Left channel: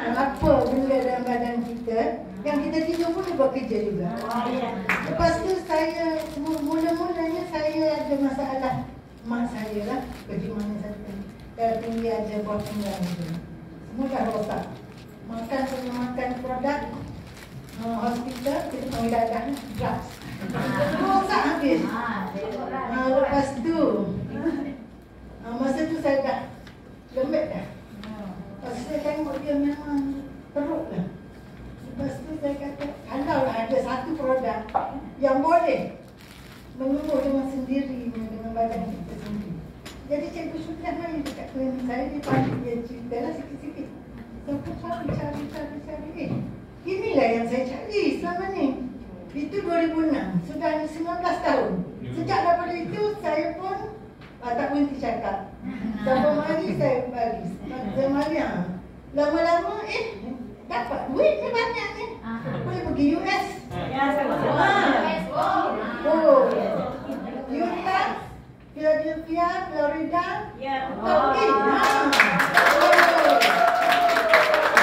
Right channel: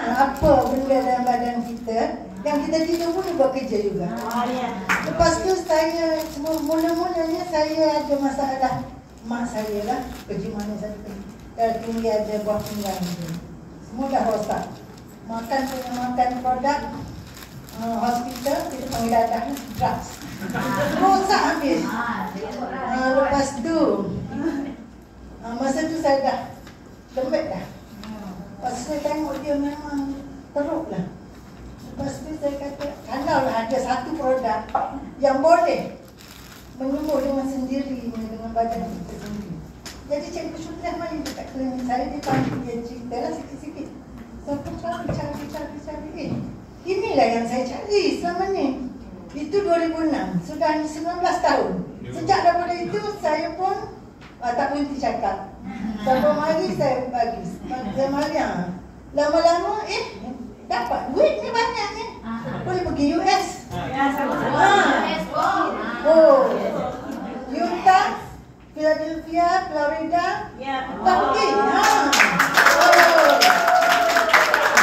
Apa benda dalam badan kita yang kita tidur pun buat kerja juga. Lepas tu saya mula-mulanya saya ada masalah mak saya lah, pergi mana saja tinggi ada buah pinggang tu. Semua dah rosak. Makan produk hospital, kita panggil dadah drugs. Rosak habis. Lepas tu masa tu saya dah lembek dah. Lepas saya tengok dia memang teruk lah. Lepas tu saya kata, kalau ada satu produk yang boleh menyembuh dengan sendiri dengan badan kita sendiri. Jadi Cikgu Syukrah main dekat klinik saya, dia panggil dia cerita lah sikit-sikit. Saya cari. Inilah yang saya cari selama ni. Itu 2006, sudah 19 tahun. Sejak daripada itu saya pun tak berhenti cakap. Sampai mari saya bagi. Saya mari lama-lama dapat duit ni banyak ni. Boleh pergi US. Utah, Philadelphia, Florida. Tak pergi.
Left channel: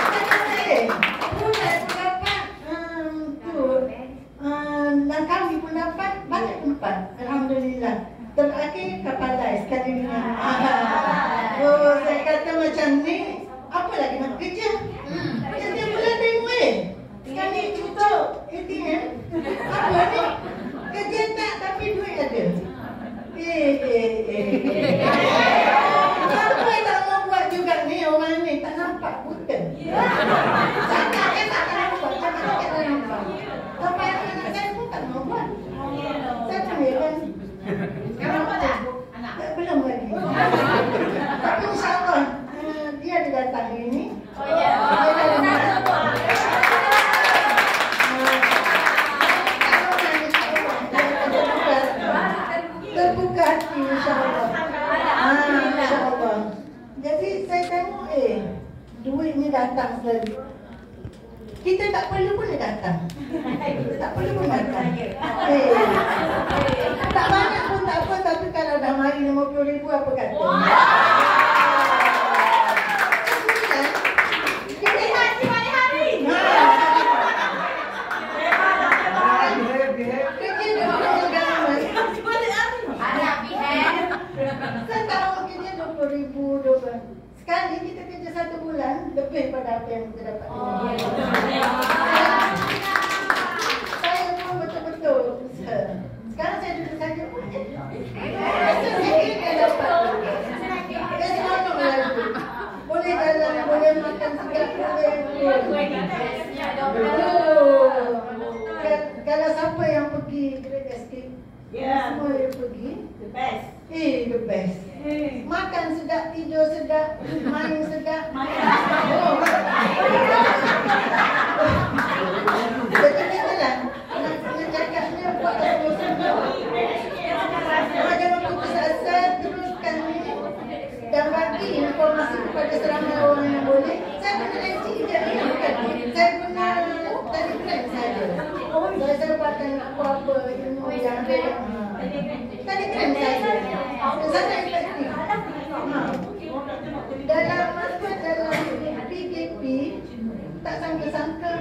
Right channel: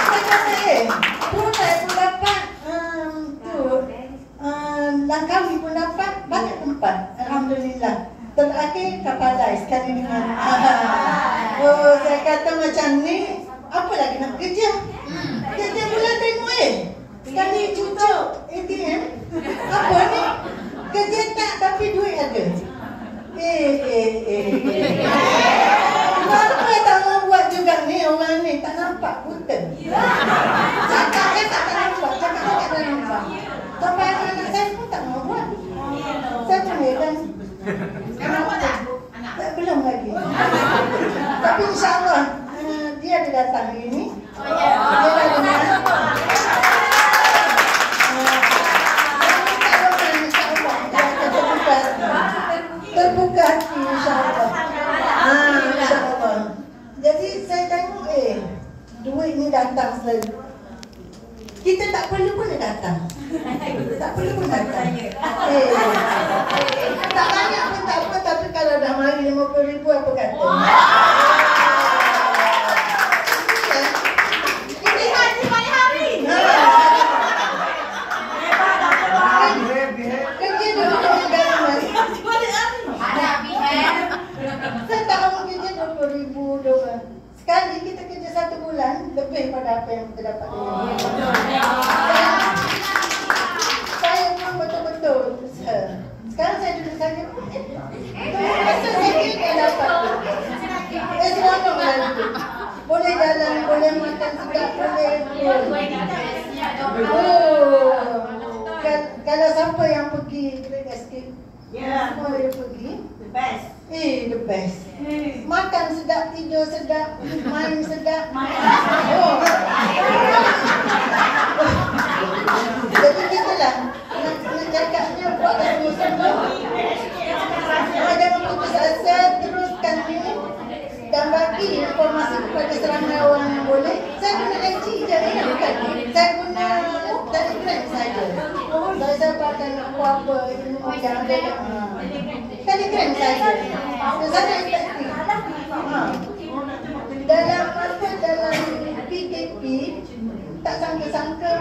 Saya kata Brunei pun dapat. Langkawi pun dapat. Banyak tempat. Alhamdulillah. Terakhir Kapalai sekali dengan saya kata macam ni, apa lagi nak kerja? Kerja pula tengok sekali cucuk ATM. Apa ni? Kerja tak tapi duit ada. Apa tak mau buat juga ni orang ni, tak nampak buta. Cakap tak nampak, cakap tak nampak. Sampai anak saya pun tak mau buat. Saya panggilkan. Belum lagi. Tapi insyaAllah dia ada datang hari ini. Dia ada datang. Terbuka hati insyaAllah. InsyaAllah. Jadi saya tengok duit ni datang selalu. Kita tak perlu pun dia datang. Tak perlu pun datang. Tak banyak pun tak apa, tapi kalau dah mari 50,000 apa kata? Ini hari-hari. Kerja dah punya garam. Saya tak mahu kerja 20,000. Sekali kita kerja 1 bulan, lebih pada apa yang kita dapat. Saya memang betul-betul usaha. Sekarang saya duduk saja. Rasa sakit kan dapat. Seronok lah. Boleh jalan, boleh makan sedap, boleh. Kalau siapa yang pergi Great Escape, semua dia pergi. The best. The best. Makan sedap, tidur sedap, main sedap. Jadi kita lah nak cakapnya buatlah semua. Jangan putus asa, teruskan ni dan bagi informasi kepada seramai orang yang boleh. Saya guna IG je ni, bukan? Saya guna Telegram saja. Saya pakai nak buat apa ilmu yang ada Telegram saja. Saya efektif. Dalam PKP tak sangka-sangka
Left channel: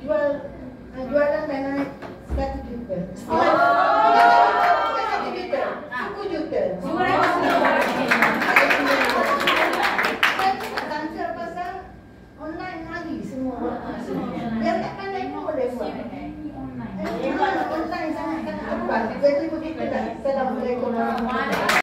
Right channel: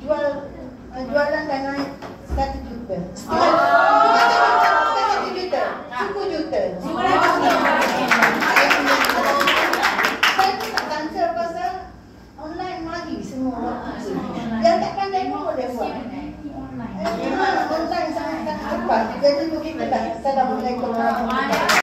jualan dah naik 1 juta. Bukan 1 juta, 10 juta. Saya pun tak sangka pasal online lagi semua. Yang tak pandai pun boleh buat. Online sangat-sangat cepat. Jadi begitu dah. Assalamualaikum warahmatullahi wabarakatuh.